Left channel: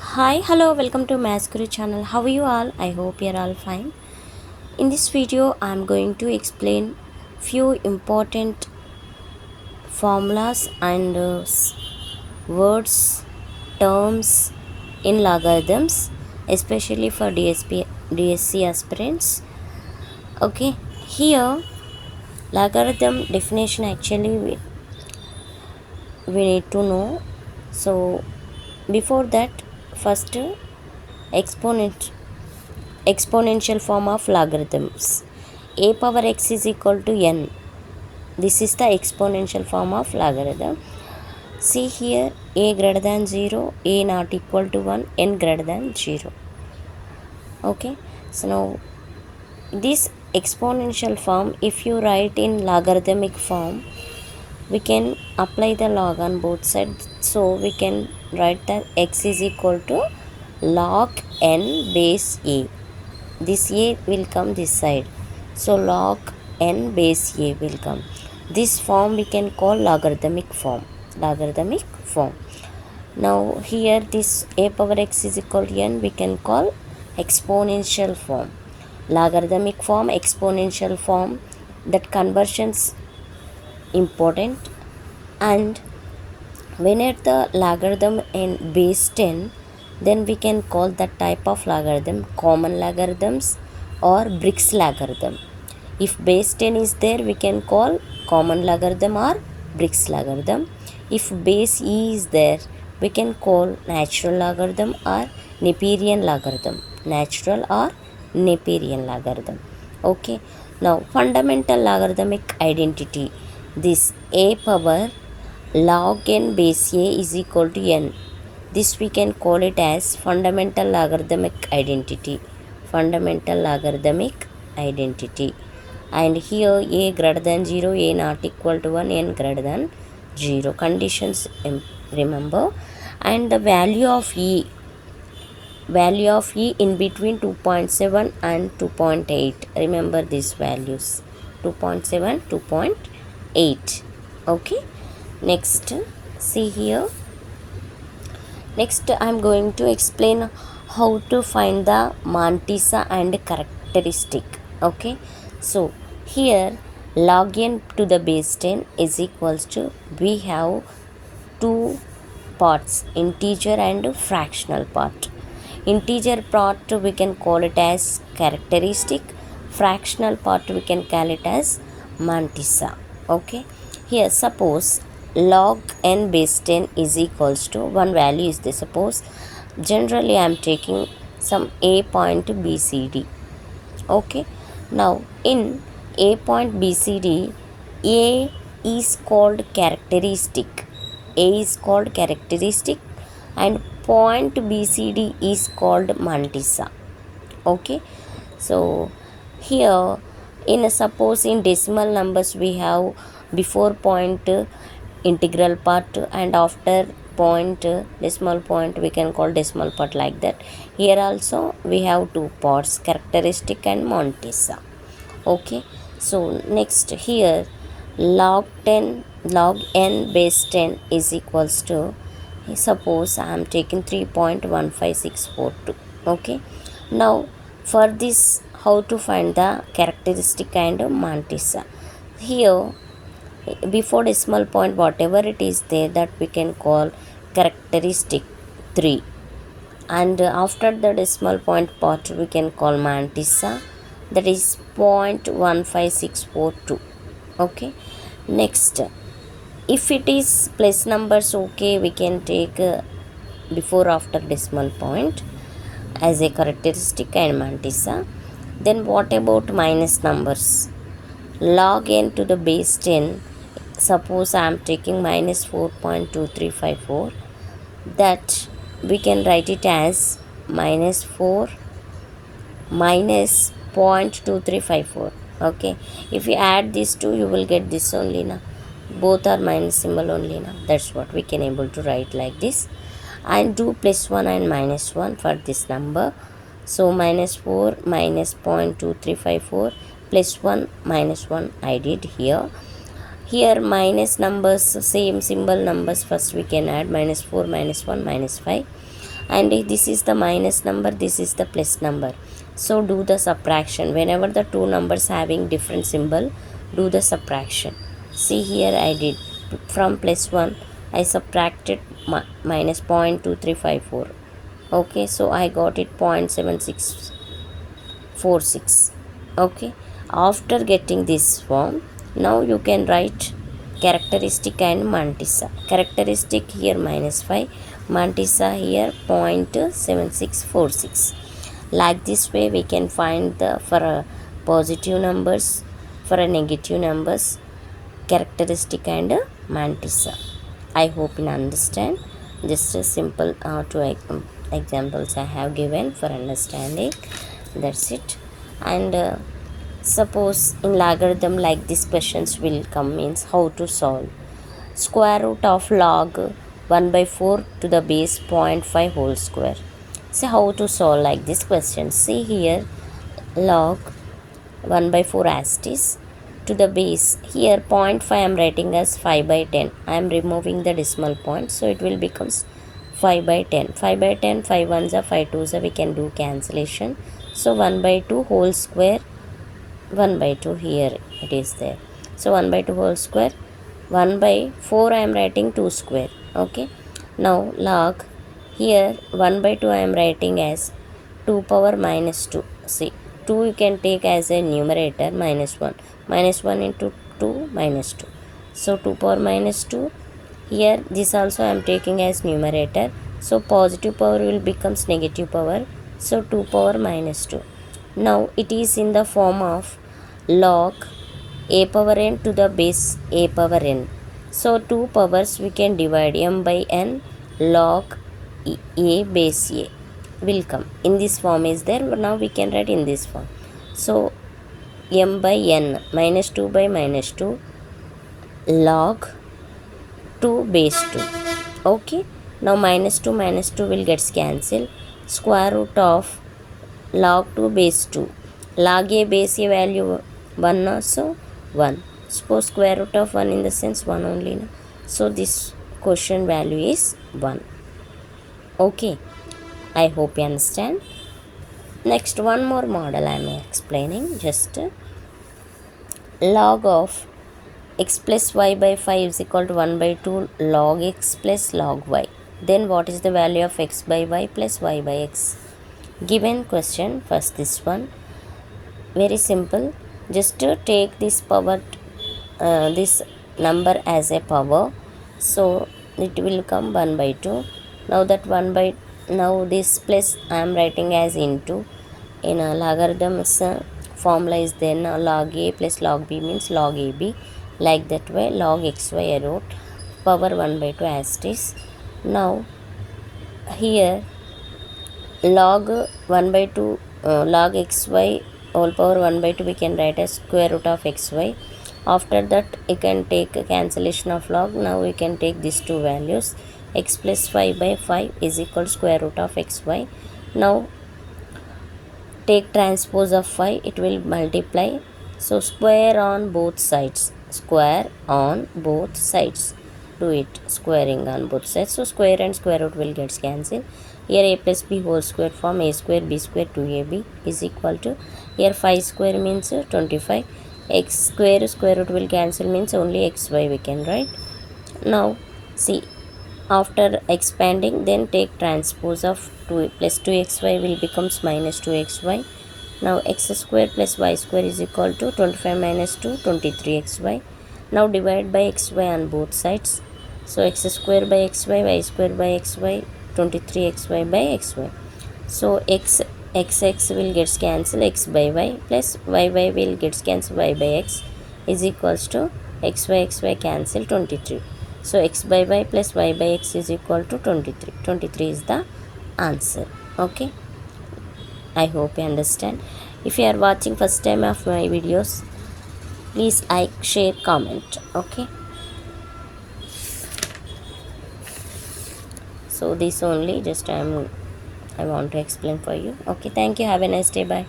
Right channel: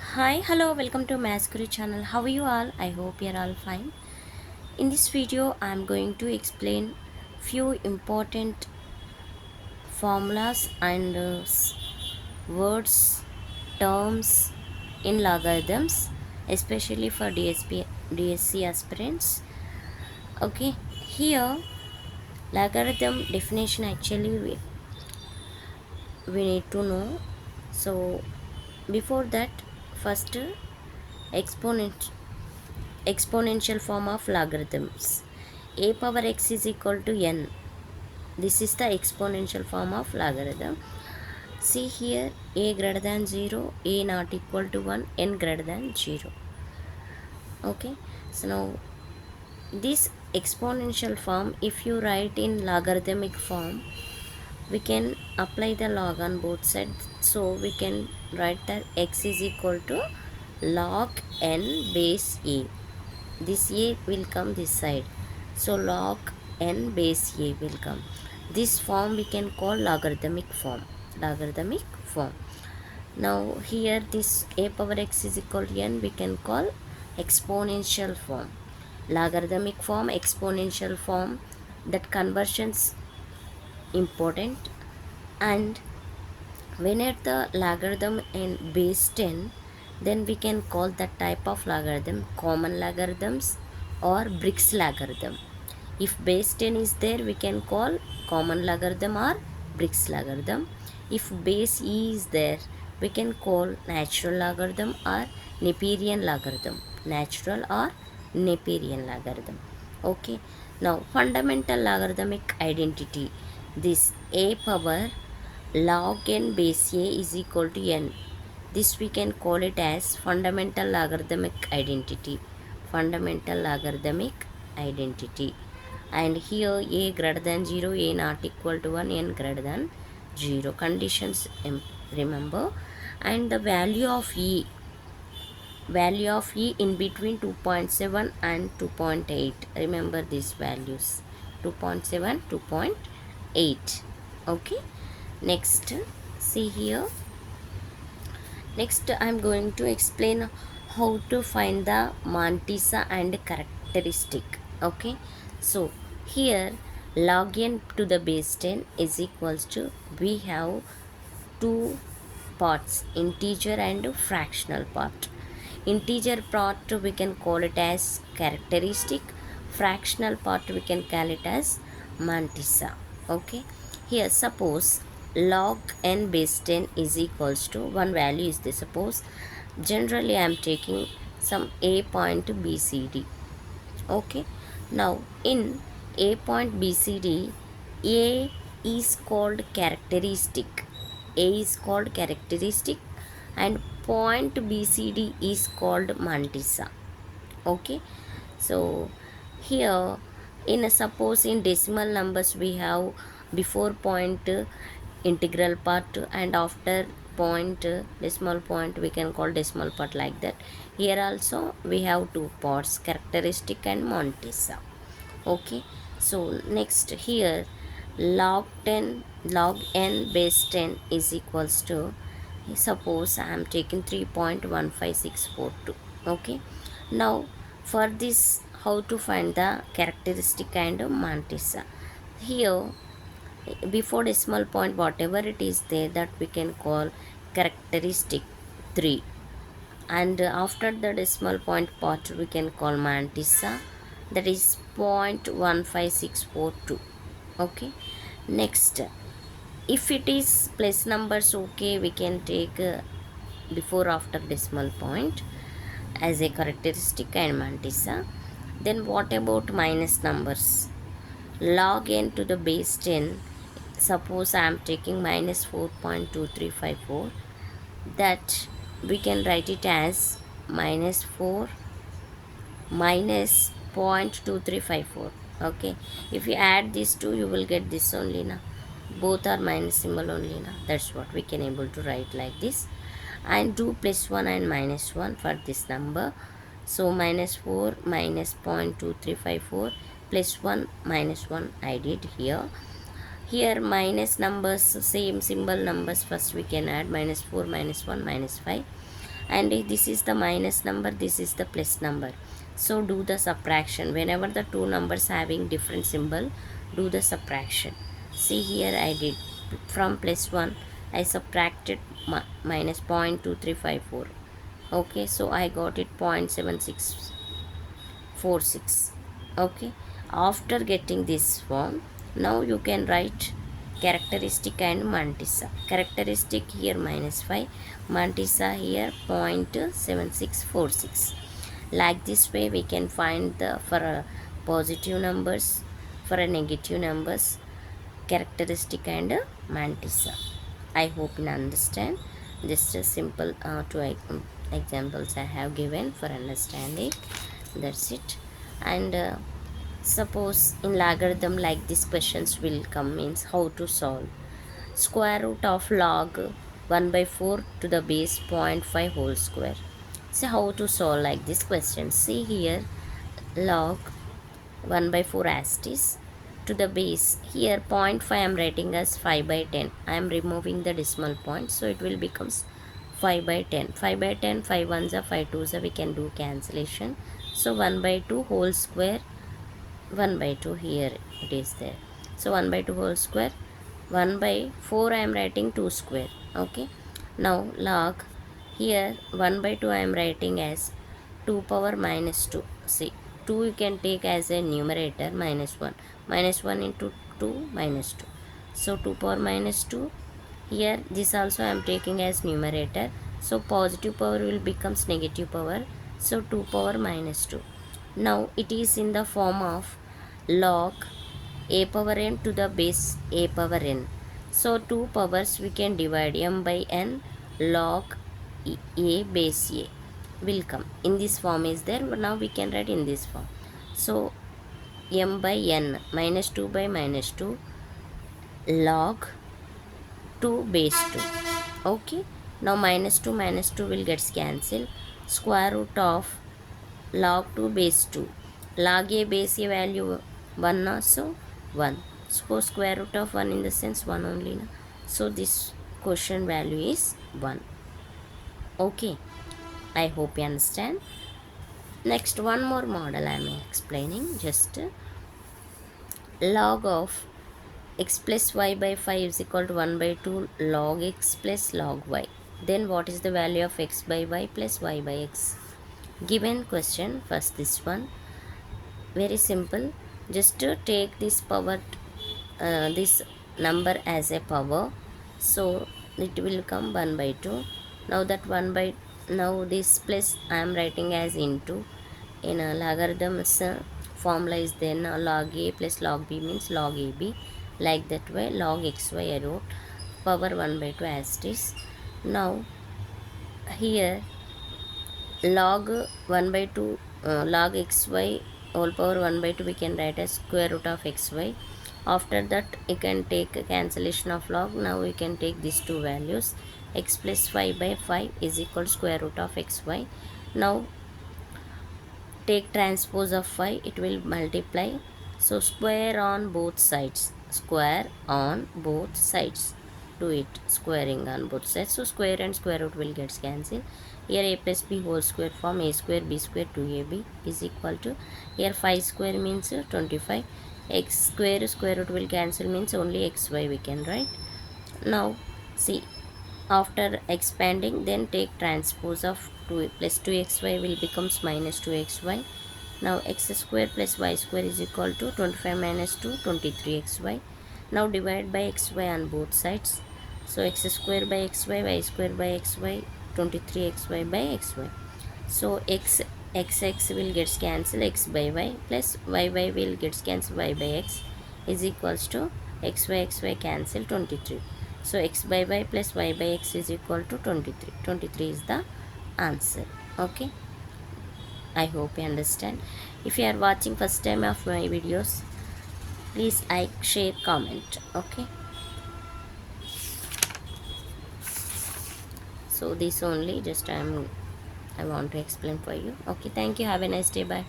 Hi, hello, welcome to Maths Guru channel. How are you all? I hope you're all fine. In this video, I'm going to explain few important formulas and words, terms in logarithms, especially for D.sc aspirants. Okay, here logarithm definition actually we need to know. So before that, first exponent exponential form of logarithms. A power x is equal to n. This is the exponential form of logarithm. See here, a greater than 0, a not equal to 1, n greater than 0. Okay, so now this exponential form, if you write in logarithmic form, we can apply the log on both sides. So we can write that x is equal to log n base a. This a will come this side, so log n base a will come. This form we can call logarithmic form. Now here this a power x is equal to n we can call exponential form. Logarithmic form, exponential form, that conversions important. And when at the logarithm in base 10, then we can call that type of logarithm common logarithms or Briggs logarithm. If base 10 is there, we can call common logarithm or Briggs logarithm. If base e is there, we can call natural logarithm or Neperian logarithm. Natural or Neperian logarithm. Okay, now fundamental logarithmic identity. This a power log n base a is equal to n. This we can call it as fundamental logarithmic identity. Fundamental logarithmic identity. And here a greater than 0, a not equal to 1, n greater than 0. Conditions remember. And the value of e in between 2.7 and 2.8. Remember these values, 2.7, 2.8. Okay, next, see here. Next, I'm going to explain how to find the mantissa and characteristic. Okay, so here log n to the base 10 is equals to, we have two parts, integer and fractional part. Integer part we can call it as characteristic, fractional part we can call it as mantissa. Okay, here suppose log n base 10 is equals to, one value is this. Suppose generally I am taking some a point bcd. Okay, now in a point bcd, a is called characteristic. A is called characteristic and point bcd is called mantissa. Okay, so here in suppose in decimal numbers we have before point integral part, and after point decimal point we can call decimal part, like that. Here also we have two parts, characteristic and mantissa. Okay, so next here log n base 10 is equals to, suppose I am taking 3.15642. Okay, now for this, how to find the characteristic and mantissa. Here before decimal point whatever it is there, that we can call characteristic 3, and after the decimal point part we can call mantissa, that is 0.15642. Okay, next, if it is plus numbers, okay, we can take before after decimal point as a characteristic and mantissa. Then what about minus numbers? Log n to the base 10, suppose I am taking minus 4.2354, that we can write it as minus 4 minus 0.2354. Okay, if you add these two you will get this only now, both are minus symbol only now. That's what we can able to write like this. And do plus 1 and minus 1 for this number. So minus 4 minus 0.2354 plus 1 minus 1 I did here. Here minus numbers, same symbol numbers, first we can add minus 4 minus 1 minus 5. and this is the minus number, this is the plus number. So do the subtraction. Whenever the two numbers having different symbol, do the subtraction. See here I did from plus 1 I subtracted minus 0.2354. Okay, so I got it 0.7646. Okay, after getting this form, now you can write characteristic and mantissa. Characteristic here minus 5, mantissa here 0.7646. Like this way we can find the for a positive numbers, for a negative numbers, characteristic and mantissa. I hope you understand. Just a simple two examples I have given for understanding. That's it. And suppose in logarithm like these questions will come, means how to solve. Square root of log 1 by 4 to the base 0.5 whole square. See how to solve like this question. See here, log 1 by 4 asterisk to the base. Here 0.5 I am writing as 5 by 10. I am removing the decimal point, so it will becomes 5 by 10. 5 by 10, 5 ones are 5 twos are, we can do cancellation. So 1 by 2 whole square, 1 by 2 here it is there. So 1 by 2 whole square, 1 by 4 I am writing 2 square. Okay, now log here 1 by 2 I am writing as 2 power minus 2. See, 2 you can take as a numerator, minus 1. Minus 1 into 2 minus 2. So 2 power minus 2. Here this also I am taking as numerator. So positive power will becomes negative power. So 2 power minus 2. Now it is in the form of log a power n to the base a power n. So 2 powers we can divide, m by n log a base a will come. In this form is there, but now we can write in this form. So m by n minus 2 by minus 2 log 2 base 2. Okay, now minus 2 will get cancelled. Square root of log 2 base 2. Log a base a value 1 also 1. Suppose square root of 1 in the sense 1 only. No? So this question value is 1. Okay, I hope you understand. Next, one more model I am explaining. Just log of x plus y by 5 is equal to 1 by 2 log x plus log y. Then what is the value of x by y plus y by x? Given question, first this one, very simple. Just to take this power, this number as a power, so it will come 1 by 2. Now that 1 by, now this plus I am writing as into. In a logarithms formula is then log a plus log b means log ab. Like that way log xy I wrote power 1 by 2 asterisk. Now here log 1 by 2 log xy whole power 1 by 2 we can write as square root of xy. After that you can take a cancellation of log. Now we can take these two values. X plus 5 by 5 is equal to square root of xy. Now take transpose of 5, it will multiply. So square on both sides, square on both sides, do it squaring on both sides. So square and square root will get cancelled. Here a plus b whole square form a square b square 2ab is equal to, here 5 square means 25. X square root will cancel means only xy we can write. Now see, after expanding, then take transpose of 2 plus 2xy will becomes minus 2xy. Now x square plus y square is equal to 25 minus 2 23xy. Now divide by xy on both sides. So x square by xy, y square by xy, 23xy by xy. So x will get cancelled, x by y plus y will get cancelled, y by x is equals to xy cancel 23. So x by y plus y by x is equal to 23. 23 is the answer. Okay, I hope you understand. If you are watching first time of my videos, please like, share, comment. Okay, so this only just I want to explain for you. Okay, thank you, have a nice day, bye.